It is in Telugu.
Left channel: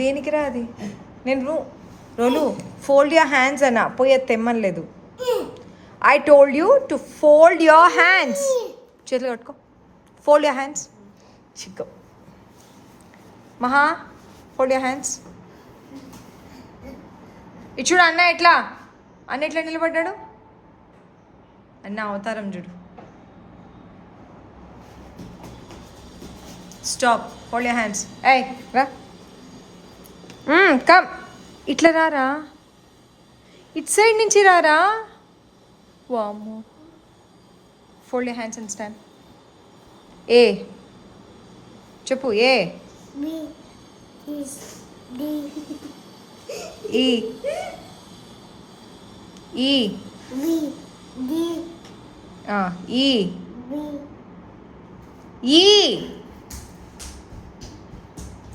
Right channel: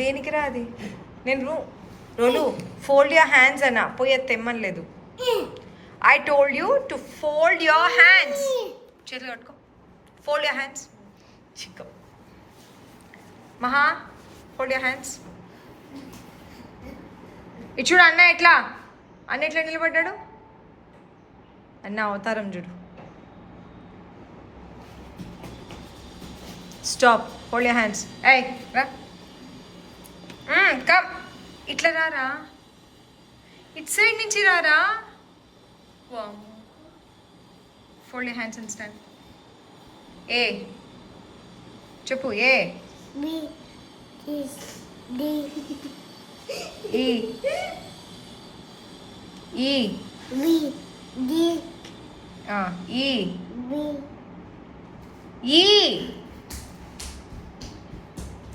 దేనికి రా అది? నేను రోలు ఫోల్డ్ యువర్ హ్యాండ్స్ అన్నా, పోయి తెమ్మనలేదు. I told you to fold your hands. చేతులు కట్టుకో. Fold your hands. చిక్కు మహా, ఫోల్డ్ యువర్ హ్యాండ్స్. ఇది చూడు అన్న ఎట్లా, అన్న ఎట్లా నిలబడ్డాడు. అన్న అవతారం చూడు. స్టాప్. Hold your hands. ఏయ్ రా, కమ్. ఇట్లా రారా, ఇట్ సైడ్ నుంచి రారా. వామ్మో. Fold your hands and stand. ఏ చెప్పు. ఏ ఈ ఈ ఈ ఈ